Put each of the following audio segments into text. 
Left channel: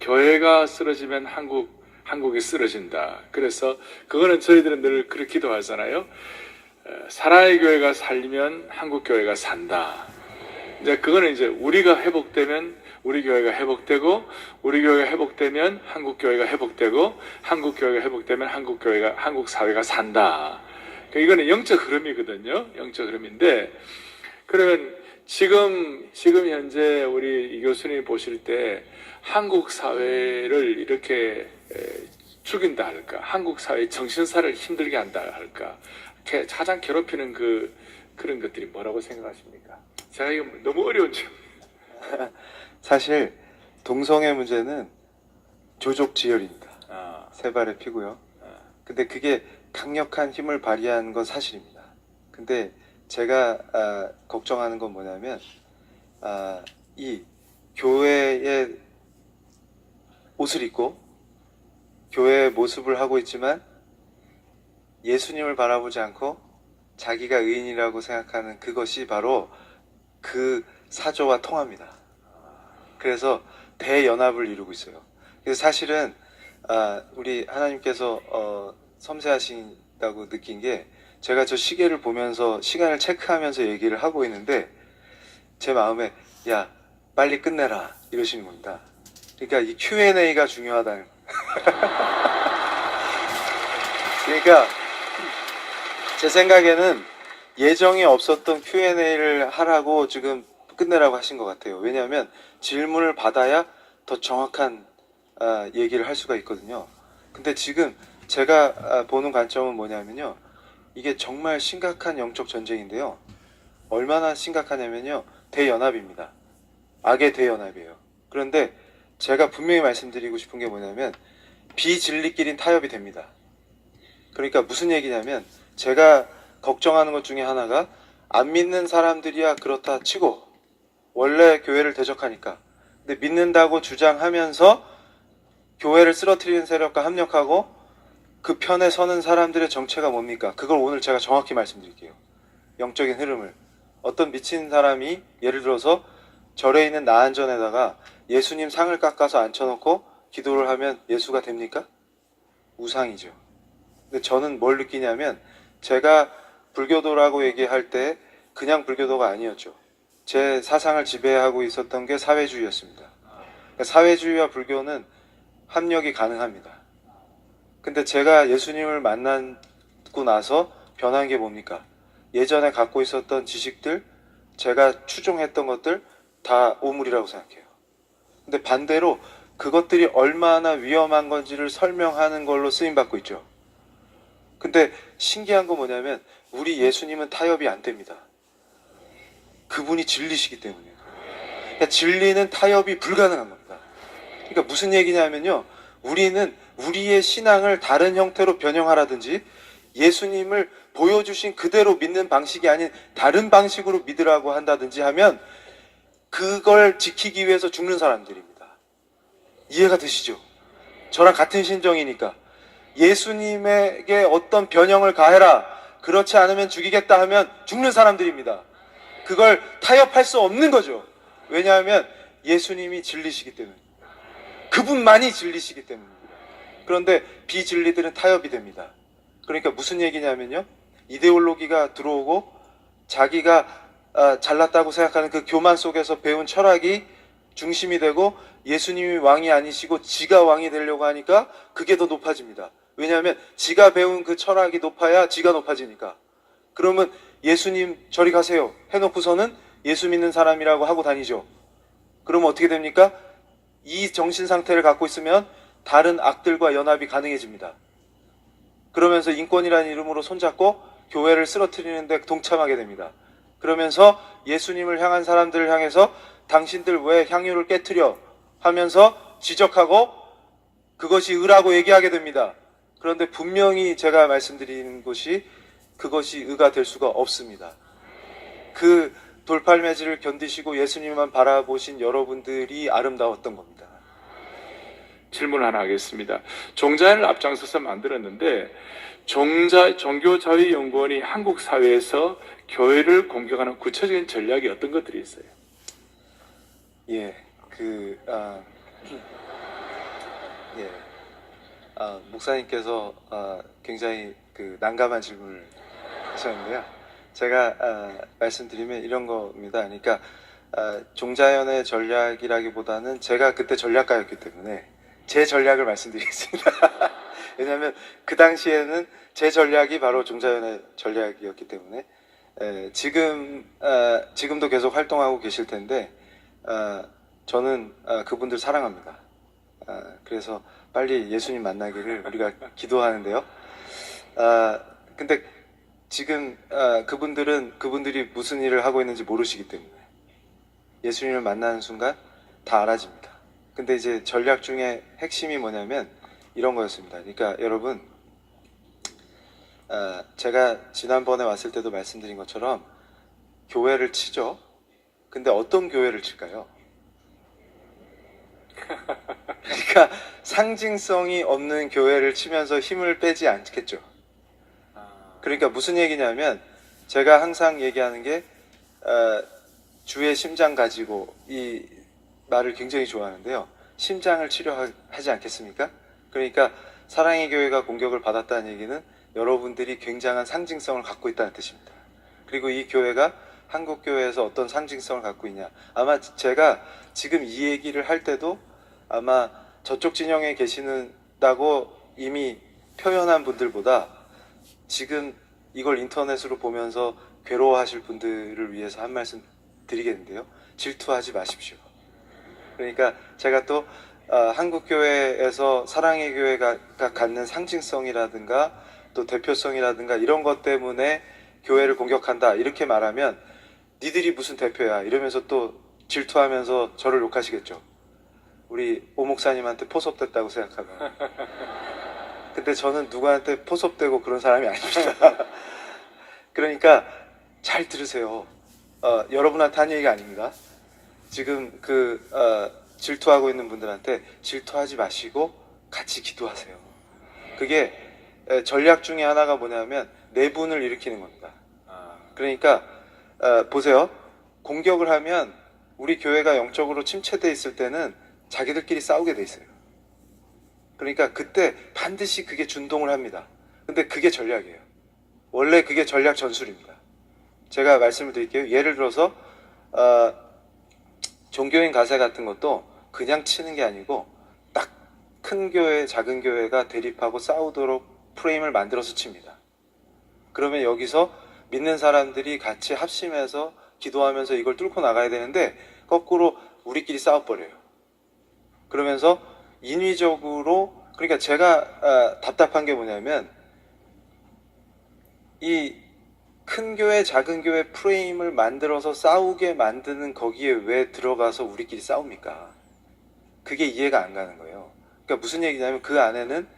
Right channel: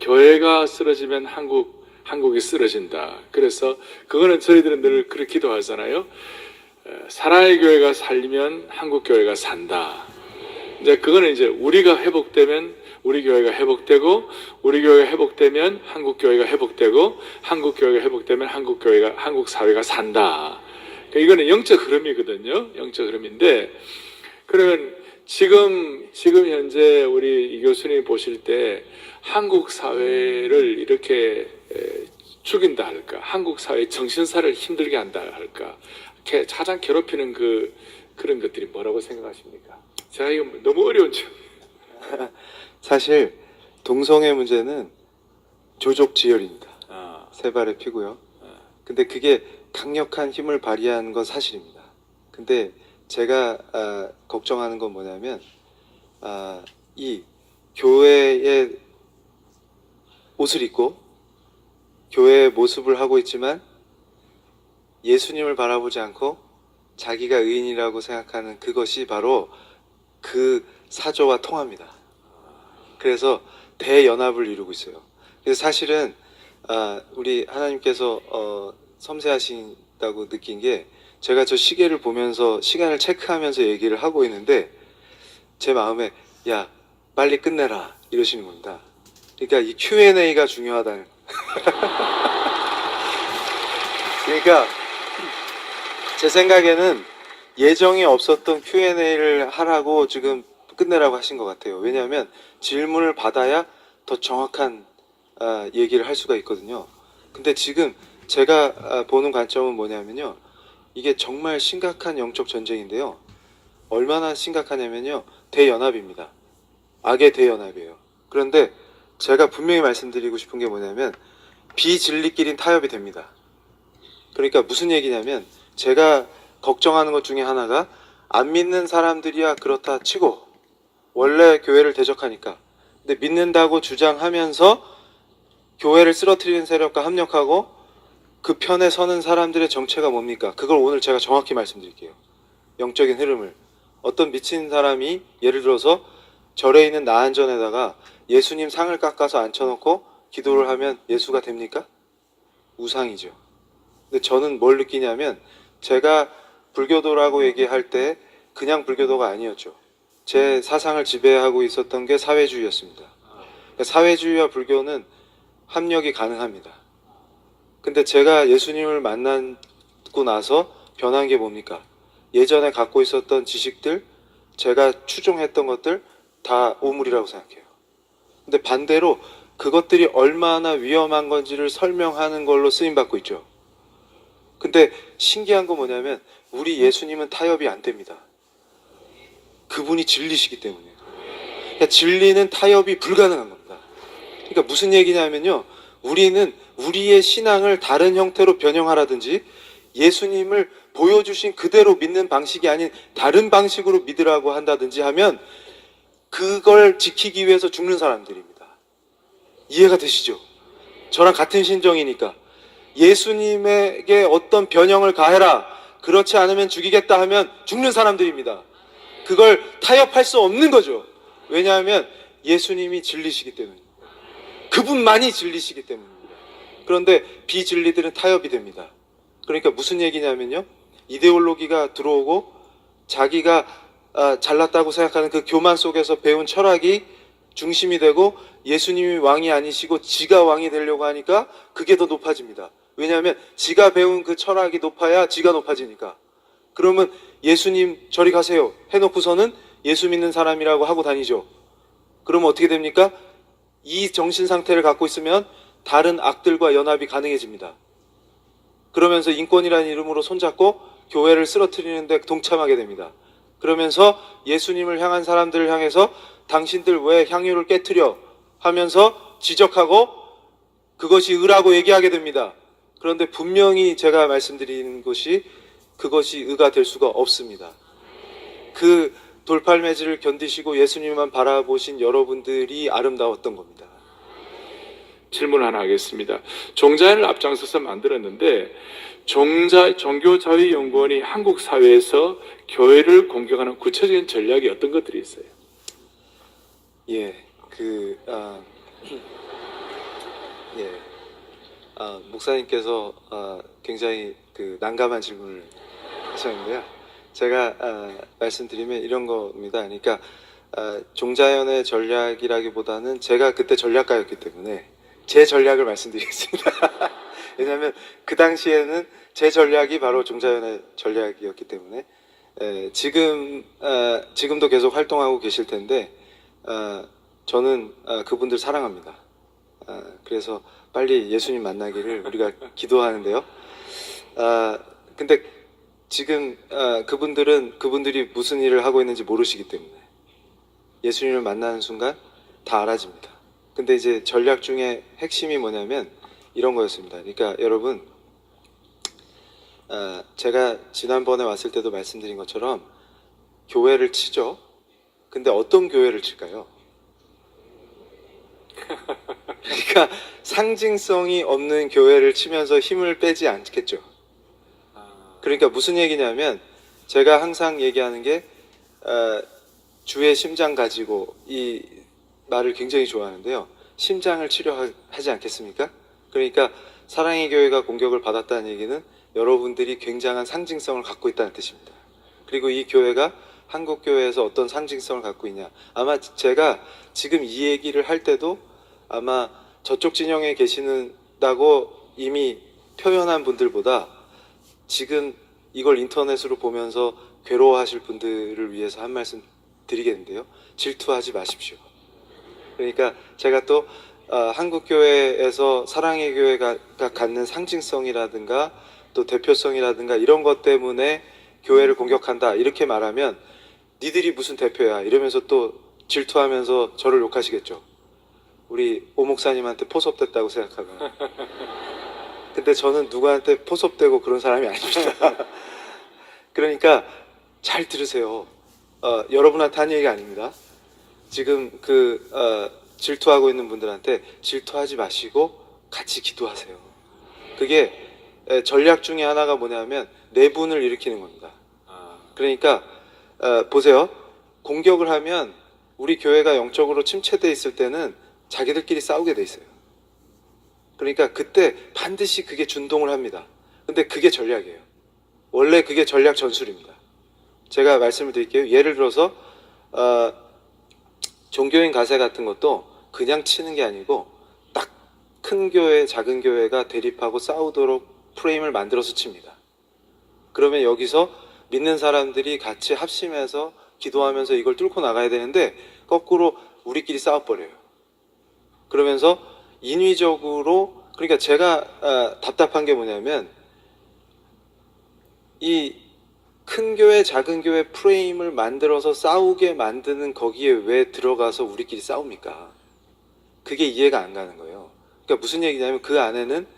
교회가 쓰러지면 한국이 쓰러진다. 그래서 그거는 저희들은 늘 그렇게 기도하잖아요. 사랑의 교회가 살리면 한국 교회가 산다. 이제 그거는 이제 우리가 회복되면 우리 교회가 회복되고, 우리 교회가 회복되면 한국 교회가 회복되고, 한국 교회가 회복되면 한국 사회가 산다. 그러니까 이거는 영적 흐름이거든요. 영적 흐름인데, 그러면 지금 현재 우리 이 교수님 보실 때 한국 사회를 이렇게 죽인다 할까? 한국 사회 정신사를 힘들게 한다 할까? 가장 괴롭히는 그런 것들이 뭐라고 생각하십니까? 제가 이거 너무 어려운 질문. 사실 동성애 문제는 조족지혈입니다. 세 발의 피고요. 근데 그게 강력한 힘을 발휘한 건 사실입니다. 근데 제가 걱정하는 건 뭐냐면 이 교회의 옷을 입고 교회의 모습을 하고 있지만 예수님을 바라보지 않고 자기가 의인이라고 생각하는 그것이 바로 그 사조와 통합니다. 그래서 대연합을 이루고 있어요. 그래서 사실은 우리 하나님께서 섬세하신다고 느낀 게, 제가 저 시계를 보면서 시간을 체크하면서 얘기를 하고 있는데 제 마음에 야 빨리 끝내라 이러시는 겁니다. 그러니까 이 Q&A가 중요하다는 그러니까 제 생각에는 예정이 없었던 Q&A를 하라고 지금 끝내라고 하신 것 같아요. 왜냐하면 질문을 받아야 더 정확한 얘기를 할 수가 있거든요. 근데 지금 제가 보는 관점은 뭐냐면요, 이게 정말 심각한 영적 전쟁인데요. 얼마나 심각하냐면요, 대연합입니다. 악의 대연합이에요. 그런데 제가 분명히 말씀드리고 싶은 게 뭐냐면 비진리끼린 타협이 됩니다. 그러니까 무슨 얘기냐면, 제가 걱정하는 것 중에 하나가, 안 믿는 사람들이야 그렇다 치고 원래 교회를 대적하니까, 근데 믿는다고 주장하면서 교회를 쓰러뜨리는 세력과 합력하고 그 편에 서는 사람들의 정체가 뭡니까? 그걸 오늘 제가 정확히 말씀드릴게요. 영적인 흐름을. 어떤 미친 사람이 예를 들어서 절에 있는 나안전에다가 예수님 상을 깎아서 앉혀놓고 기도를 하면 예수가 됩니까? 우상이죠. 근데 저는 뭘 느끼냐면, 제가 불교도라고 얘기할 때 그냥 불교도가 아니었죠. 제 사상을 지배하고 있었던 게 사회주의였습니다. 그러니까 사회주의와 불교는 합력이 가능합니다. 근데 제가 예수님을 만나고 나서 변한 게 뭡니까? 예전에 갖고 있었던 지식들, 제가 추종했던 것들 다 오물이라고 생각해요. 근데 반대로 그것들이 얼마나 위험한 건지를 설명하는 걸로 쓰임받고 있죠. 근데 신기한 건 뭐냐면, 우리 예수님은 타협이 안 됩니다. 그분이 진리시기 때문에. 그러니까 진리는 타협이 불가능한 겁니다. 그러니까 무슨 얘기냐면요, 우리는 우리의 신앙을 다른 형태로 변형하라든지 예수님을 보여주신 그대로 믿는 방식이 아닌 다른 방식으로 믿으라고 한다든지 하면 그걸 지키기 위해서 죽는 사람들입니다. 이해가 되시죠? 저랑 같은 심정이니까. 예수님에게 어떤 변형을 가해라, 그렇지 않으면 죽이겠다 하면 죽는 사람들입니다. 그걸 타협할 수 없는 거죠. 왜냐하면 예수님이 진리시기 때문입니다. 그분만이 진리시기 때문입니다. 그런데 비진리들은 타협이 됩니다. 그러니까 무슨 얘기냐면요, 이데올로기가 들어오고 자기가 잘났다고 생각하는 그 교만 속에서 배운 철학이 중심이 되고 예수님이 왕이 아니시고 지가 왕이 되려고 하니까 그게 더 높아집니다. 왜냐하면 지가 배운 그 철학이 높아야 지가 높아지니까. 그러면 예수님 저리 가세요 해놓고서는 예수 믿는 사람이라고 하고 다니죠. 그러면 어떻게 됩니까? 이 정신 상태를 갖고 있으면 다른 악들과 연합이 가능해집니다. 그러면서 인권이라는 이름으로 손잡고 교회를 쓰러뜨리는데 동참하게 됩니다. 그러면서 예수님을 향한 사람들을 향해서 당신들 왜 향유를 깨트려 하면서 지적하고 그것이 의라고 얘기하게 됩니다. 그런데 분명히 제가 말씀드리는 것이 그것이 의가 될 수가 없습니다. 그 돌팔매질을 견디시고 예수님만 바라보신 여러분들이 아름다웠던 겁니다. 질문 하나 하겠습니다. 종자인을 앞장서서 만들었는데 종교자유연구원이 한국 사회에서 교회를 공격하는 구체적인 전략이 어떤 것들이 있어요? 예, 예. 목사님께서 굉장히 그 난감한 질문을 하셨는데요. 제가 말씀드리면 이런 겁니다. 그러니까 종자연의 전략이라기보다는 제가 그때 전략가였기 때문에 제 전략을 말씀드리겠습니다. 왜냐하면 그 당시에는 제 전략이 바로 종자연의 전략이었기 때문에 지금도 계속 활동하고 계실 텐데 저는 그분들 사랑합니다. 그래서 빨리 예수님 만나기를 우리가 기도하는데요. 근데 지금 그분들이 무슨 일을 하고 있는지 모르시기 때문에 예수님을 만나는 순간 다 알아집니다. 근데 이제 전략 중에 핵심이 뭐냐면 이런 거였습니다. 그러니까 여러분, 제가 지난번에 왔을 때도 말씀드린 것처럼 교회를 치죠. 근데 어떤 교회를 칠까요? 그러니까 상징성이 없는 교회를 치면서 힘을 빼지 않겠죠. 그러니까 무슨 얘기냐면 제가 항상 얘기하는 게 주의 심장 가지고 이 말을 굉장히 좋아하는데요. 심장을 치료하지 않겠습니까? 그러니까 사랑의 교회가 공격을 받았다는 얘기는 여러분들이 굉장한 상징성을 갖고 있다는 뜻입니다. 그리고 이 교회가 한국 교회에서 어떤 상징성을 갖고 있냐. 아마 제가 지금 이 얘기를 할 때도 아마 저쪽 진영에 계시는다고 이미 표현한 분들보다 지금 이걸 인터넷으로 보면서 괴로워하실 분들을 위해서 한 말씀 드리겠는데요. 질투하지 마십시오. 그러니까 제가 또 한국 교회에서 사랑의 교회가 갖는 상징성이라든가 또 대표성이라든가 이런 것 때문에 교회를 공격한다 이렇게 말하면 니들이 무슨 대표야 이러면서 또 질투하면서 저를 욕하시겠죠. 우리 오 목사님한테 포섭됐다고 생각하면. 근데 저는 누구한테 포섭되고 그런 사람이 아닙니다. 그러니까 잘 들으세요. 여러분한테 한 얘기가 아닙니다. 지금 질투하고 있는 분들한테 질투하지 마시고 같이 기도하세요. 그게 전략 중에 하나가 뭐냐면 내분을 일으키는 겁니다. 그러니까 보세요. 공격을 하면 우리 교회가 영적으로 침체돼 있을 때는 자기들끼리 싸우게 돼 있어요. 그러니까 그때 반드시 그게 준동을 합니다. 근데 그게 전략이에요. 원래 그게 전략 전술입니다. 제가 말씀을 드릴게요. 예를 들어서 종교인 가세 같은 것도 그냥 치는 게 아니고 딱 큰 교회, 작은 교회가 대립하고 싸우도록 프레임을 만들어서 칩니다. 그러면 여기서 믿는 사람들이 같이 합심해서 기도하면서 이걸 뚫고 나가야 되는데 거꾸로 우리끼리 싸워버려요. 그러면서 인위적으로 그러니까 제가 답답한 게 뭐냐면 이 큰 교회, 작은 교회 프레임을 만들어서 싸우게 만드는 거기에 왜 들어가서 우리끼리 싸웁니까? 그게 이해가 안 가는 거예요. 그러니까 무슨 얘기냐면 그 안에는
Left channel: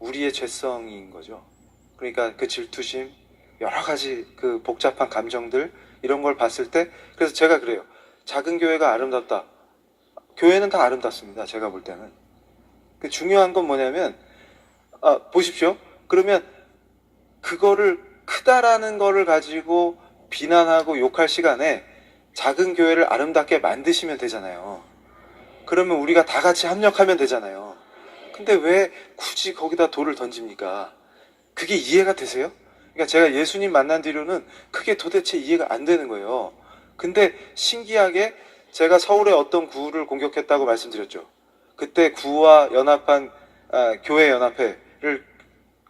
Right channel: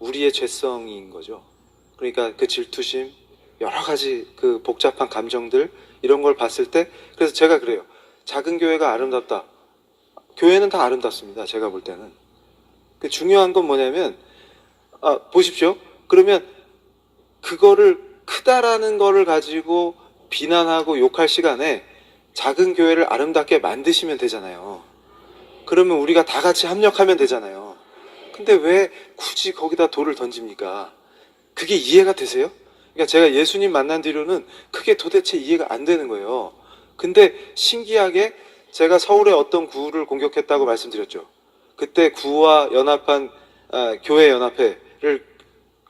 우리의 죄성인 거죠. 그러니까 그 질투심, 여러 가지 그 복잡한 감정들 이런 걸 봤을 때 그래서 제가 그래요. 작은 교회가 아름답다. 교회는 다 아름답습니다. 제가 볼 때는. 그 중요한 건 뭐냐면 보십시오. 그러면 그거를 크다라는 거를 가지고 비난하고 욕할 시간에 작은 교회를 아름답게 만드시면 되잖아요. 그러면 우리가 다 같이 협력하면 되잖아요. 근데 왜 굳이 거기다 돌을 던집니까? 그게 이해가 되세요? 그러니까 제가 예수님 만난 뒤로는 그게 도대체 이해가 안 되는 거예요. 근데 신기하게 제가 서울의 어떤 구를 공격했다고 말씀드렸죠. 그때 구와 연합한 교회 연합회를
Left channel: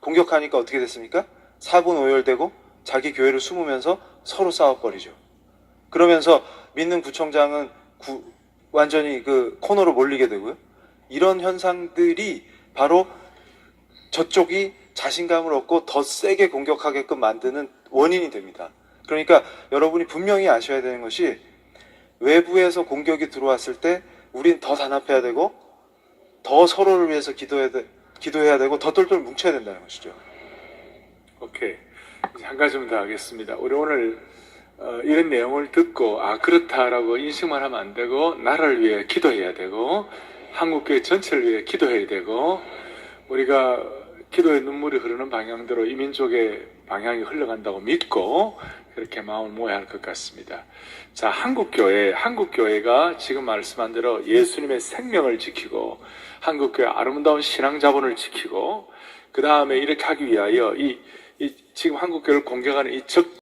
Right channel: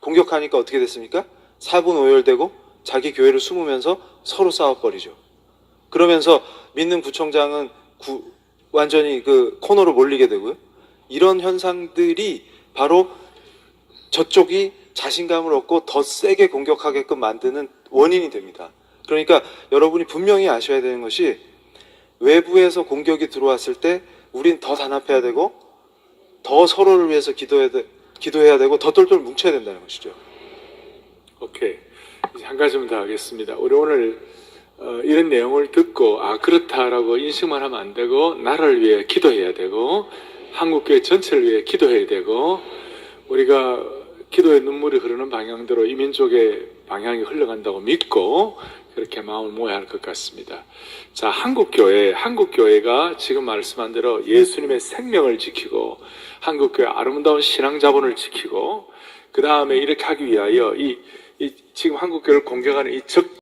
공격하니까 어떻게 됐습니까? 4분 오열되고 자기 교회를 숨으면서 서로 싸워버리죠. 그러면서 믿는 구청장은 완전히 그 코너로 몰리게 되고요. 이런 현상들이 바로 저쪽이 자신감을 얻고 더 세게 공격하게끔 만드는 원인이 됩니다. 그러니까 여러분이 분명히 아셔야 되는 것이 외부에서 공격이 들어왔을 때 우린 더 단합해야 되고 더 서로를 위해서 기도해야 되고 더 똘똘 뭉쳐야 된다는 것이죠. 오케이. 이제 한 가지만 더 하겠습니다. 우리 오늘 이런 내용을 듣고 그렇다라고 인식만 하면 안 되고 나라를 위해 기도해야 되고 한국교회 전체를 위해 기도해야 되고 우리가 기도의 눈물이 흐르는 방향대로 이 민족의 방향이 흘러간다고 믿고 그렇게 마음을 모아야 할 것 같습니다. 자, 한국교회가 지금 말씀한 대로 예수님의 생명을 지키고 한국교회 아름다운 신앙 자본을 지키고 그 다음에 이렇게 하기 위하여 지금 한국교회를 공격하는 이 적